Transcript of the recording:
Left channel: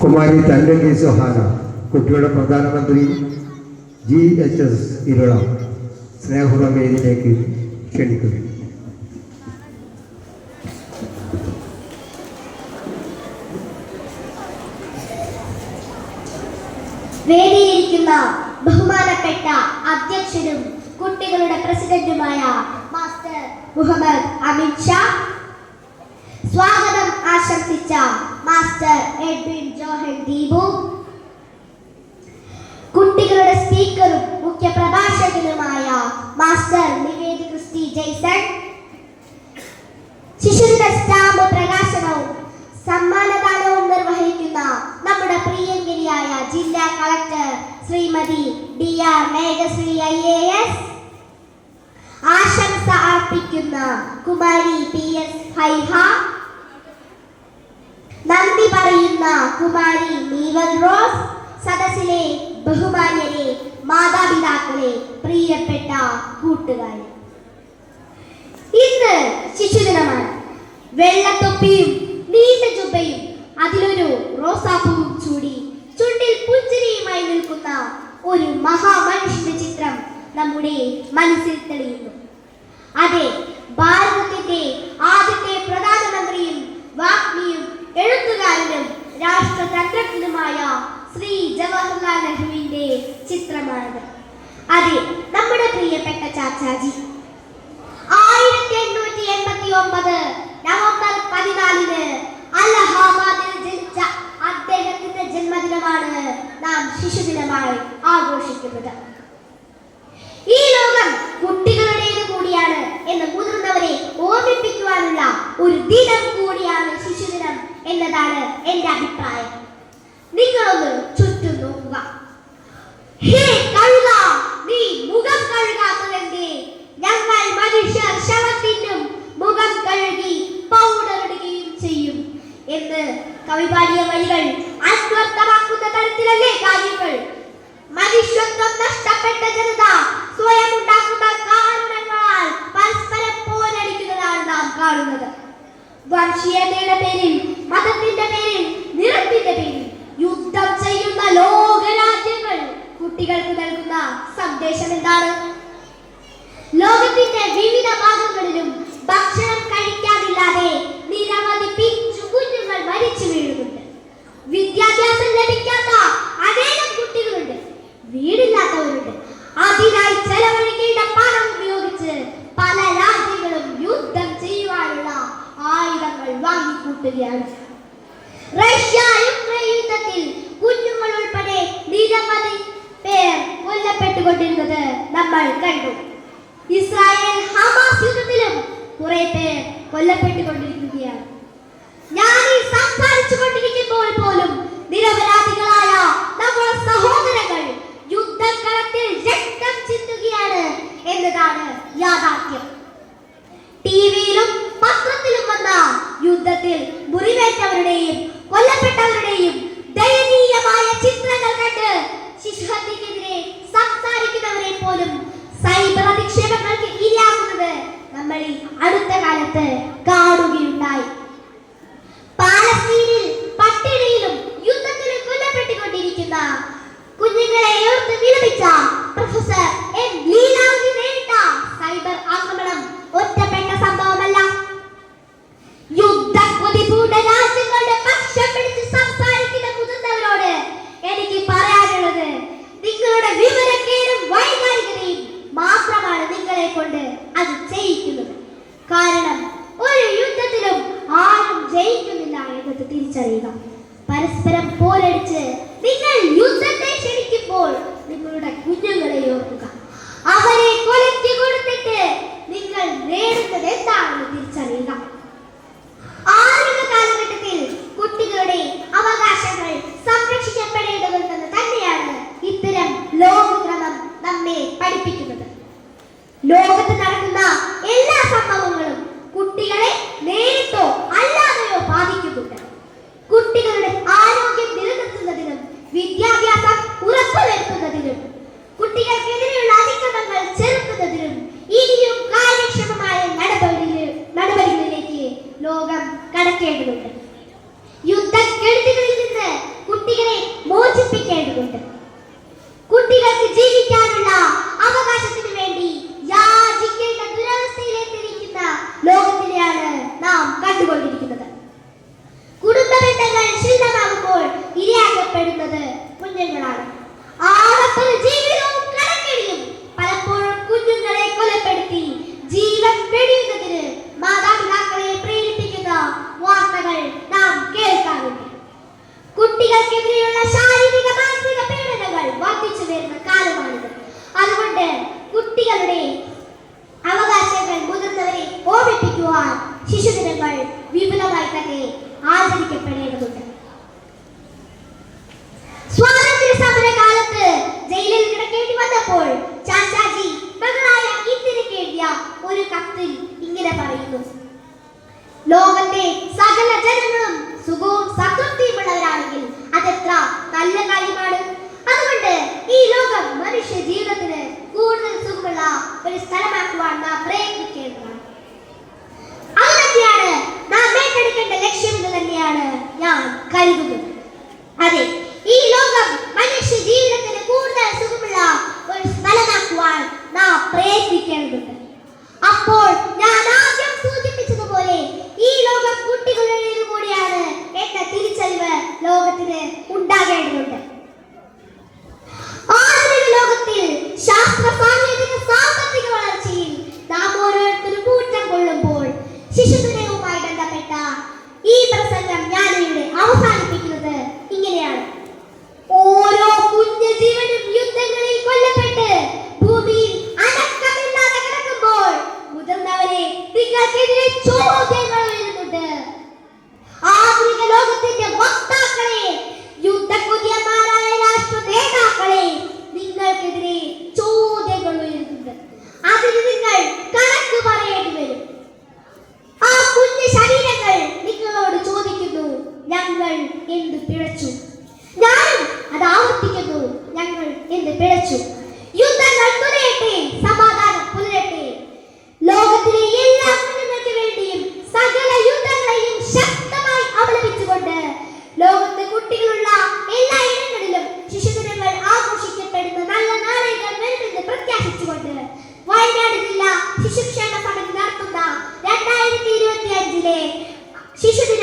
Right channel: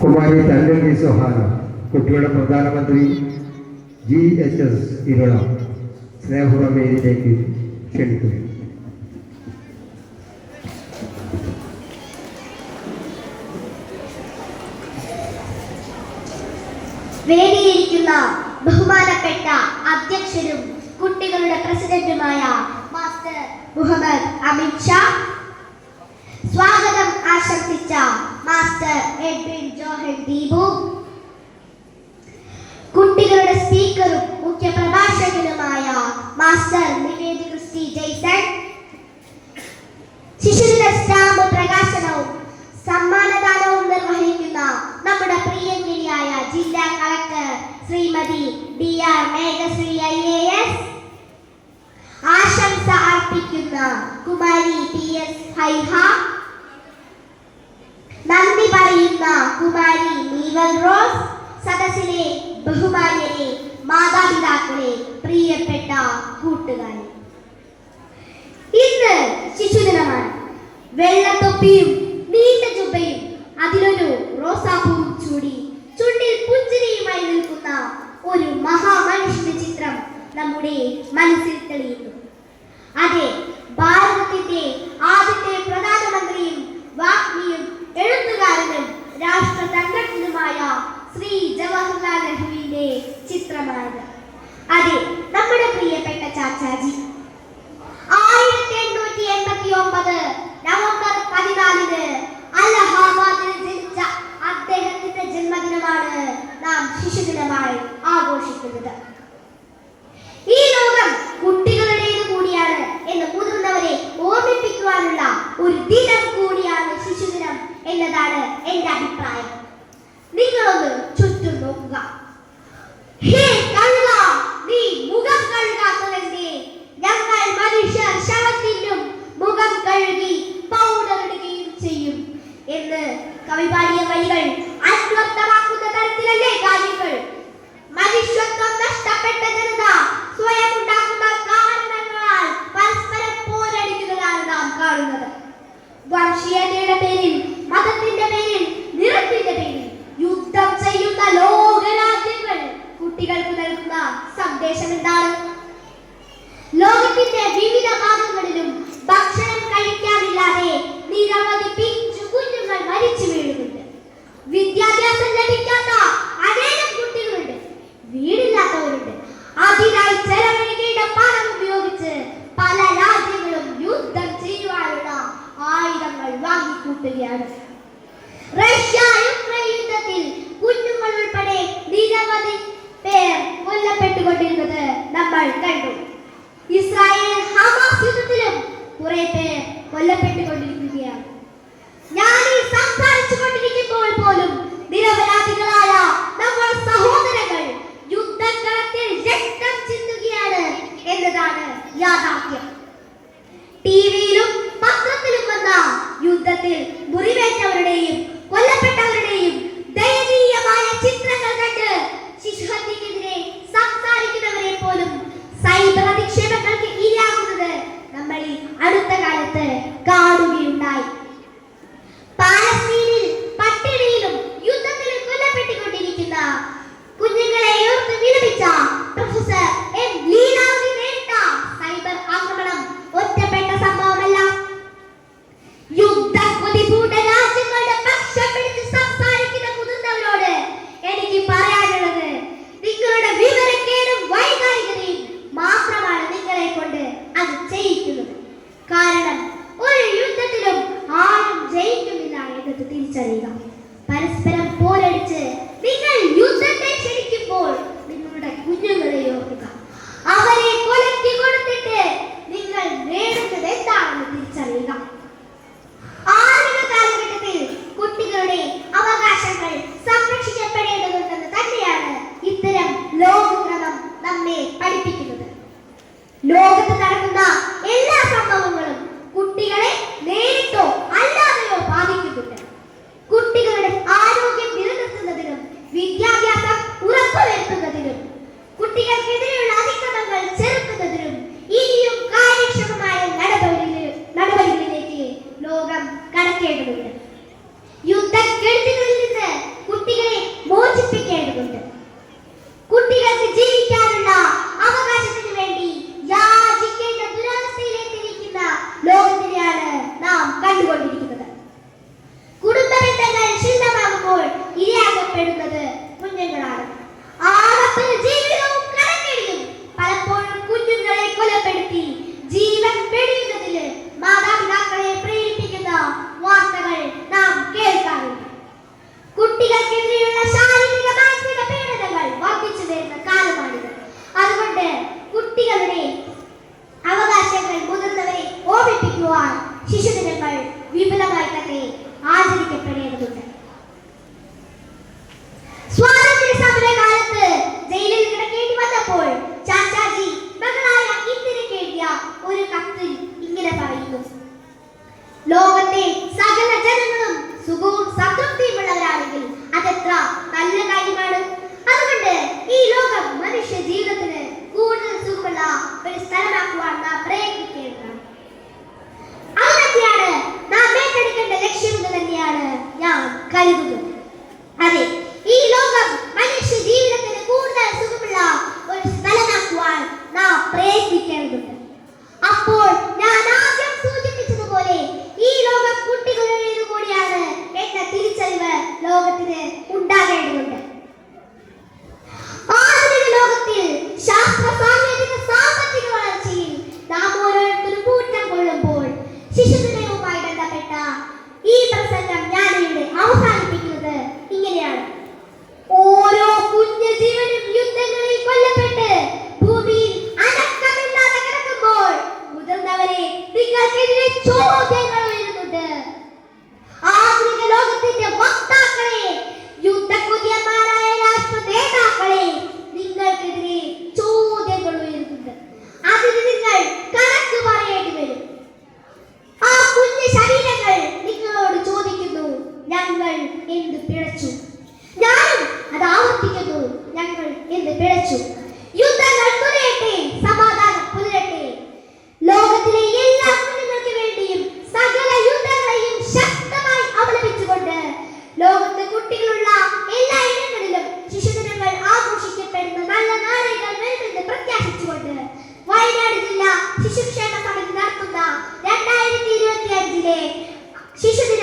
കുമാരി തല്ലങ്കി സുഹാന കുട്ടിയുടെ പ്രധാനമന്ത്രി G H S Irula വേദിയിലേക്ക് ക്ഷണിക്കുന്നു. വേദിയിരിക്കുന്ന ബഹുമാനപ്പെട്ട അധ്യക്ഷനും കുട്ടികളുടെ പ്രസിഡന്റുമായ മാസ്റ്റർ മുഹമ്മദ് അമിത് ഷാ സ്വാഗതം ആശംസിച്ച മാസ്റ്റർ എഡ്വിൻ ജോഹൻ ദീപു. കുട്ടികളുടെ സ്പീക്കറും മുഖ്യ പ്രഭാഷകനുമായ മാസ്റ്റർ നിവേദ് ക്രിസ്റ്റി ജയ്സൺ. ശിശുദിന സ്റ്റാമ്പ് പ്രകാശനവും സമ്മാനദാനവും നിർവഹിക്കുന്ന നമ്മുടെ പ്രിയങ്കരിയായ ജില്ലാ collector Shrimati D R Meghashree I A S. ആശംസ അർപ്പിക്കുന്ന കുമാരി പി എസ് ഹൈഹ. നന്ദി പറയുന്ന കുമാരി നീവൽ റോസ് സദസ്സിലെ ബഹുമാന്യരെ മാതാപിതാക്കളെ പ്രിയപ്പെട്ട കൂട്ടുകാരെ. ഇന്ന് ശിശുദിനമാണ്. വെള്ളത്തൊപ്പിയും നീണ്ട ചുബയും അതിലൊരു റോസാപ്പൂവും ചൂടി ചുണ്ടിൽ പുഞ്ചിരിയുമായി നിൽക്കുന്ന ഒരു മഹാമനുഷ്യന്റെ ചിത്രം നമ്മുടെ മനസ്സിൽ ചാച്ചാജി ആയിരത്തി എണ്ണൂറ്റി എൺപത്തി ഒമ്പത് നവംബർ പതിനാലിന് അലഹാബാദിൽ ജനിച്ച അദ്ദേഹത്തിന്റെ ജന്മദിനമാണ് നാം ശിശുദിനമായി ആഘോഷിക്കുന്നത്. ഈ ലോകം കുട്ടികളുടേത് കൂടിയാണ് എന്ന് മുതിർന്നവരെ ഓർമ്മിപ്പിക്കുവാനുള്ള ഒരു ദിനം കൂടിയാണ് ശിശുദിനം എന്നതാണ് എന്റെ അഭിപ്രായം. നിങ്ങളൊന്ന് ചുറ്റും നോക്കുക. ഹേ കഴുത! നീ മുഖം കഴുകാത്തതെന്തേ? ഞങ്ങൾ മനുഷ്യർ ശവത്തിനും മുഖം കഴുകി പൗഡർ ഇടുകയും ചെയ്യും. എന്ന് കവി പാടിയ വരികൾ അന്വർത്ഥമാക്കുന്ന തരത്തിലല്ലേ കാര്യങ്ങൾ? മനുഷ്യത്വം നഷ്ടപ്പെട്ട ജനത സ്വയം ഉണ്ടാക്കുന്ന കാരണങ്ങളാൽ പരസ്പരം പോരടിക്കുന്നതാണ് നാം കാണുന്നത്. വംശീയതയുടെ സന്ദേശം എന്താണ്? ലോകത്തിന്റെ വിവിധ ഭാഗങ്ങളിലും ഭക്ഷണം കഴിക്കാതില്ലാതെ നിരവധി പിഞ്ചു കുഞ്ഞുങ്ങൾ മരിച്ചു വീഴുന്നുണ്ട്. വിദ്യാഭ്യാസം ലഭിക്കാത്ത അനേകം കുട്ടികളുണ്ട്. വീടില്ലാത്തവരുണ്ട്. അതിനായി ചെലവഴിക്കേണ്ട പണം ഉപയോഗിച്ച് പല രാജ്യങ്ങളും യുദ്ധം ചെയ്യുവാനുള്ള ആയുധങ്ങൾ വാങ്ങിക്കൂട്ടുകയാണ്. റഷ്യ യുക്രൈൻ യുദ്ധത്തിൽ കുഞ്ഞുങ്ങൾ ഉൾപ്പെടെ നിരവധി പേർ കൊല്ലപ്പെട്ടുകൊണ്ടിരുന്നത് നമ്മൾ കണ്ടു. ഇസ്രായേൽ ഹമാസ് യുദ്ധത്തിലും കുറെ പേർ കൊല്ലപ്പെട്ടുകൊണ്ടിരിക്കുകയാണ്. ഞാൻ ഈ സംസാരിച്ചു കൊണ്ടിരിക്കുമ്പോൾ പോലും 在你里。ചെയ്തിട്ടുണ്ട് വിപുലമായി തന്നെ ആചരിക്കപ്പെടേണ്ടതുണ്ട്. സ്വാതന്ത്ര്യ സമര കാലത്ത് ജയിലിൽ കിടക്കേണ്ടി വന്നപ്പോൾ ചാച്ചാജി മകളായ ഇന്ദിരയ്ക്ക് എഴുതിയ ഒരു കത്തിൽ ഇങ്ങനെ പറയുന്നു. ലോകത്ത് Oh. ശിശുക്ഷേമ സമിതി നടത്തുന്ന രണ്ടായിരത്തി ഇരുപത്തി അഞ്ചിലെ ശിശുദിന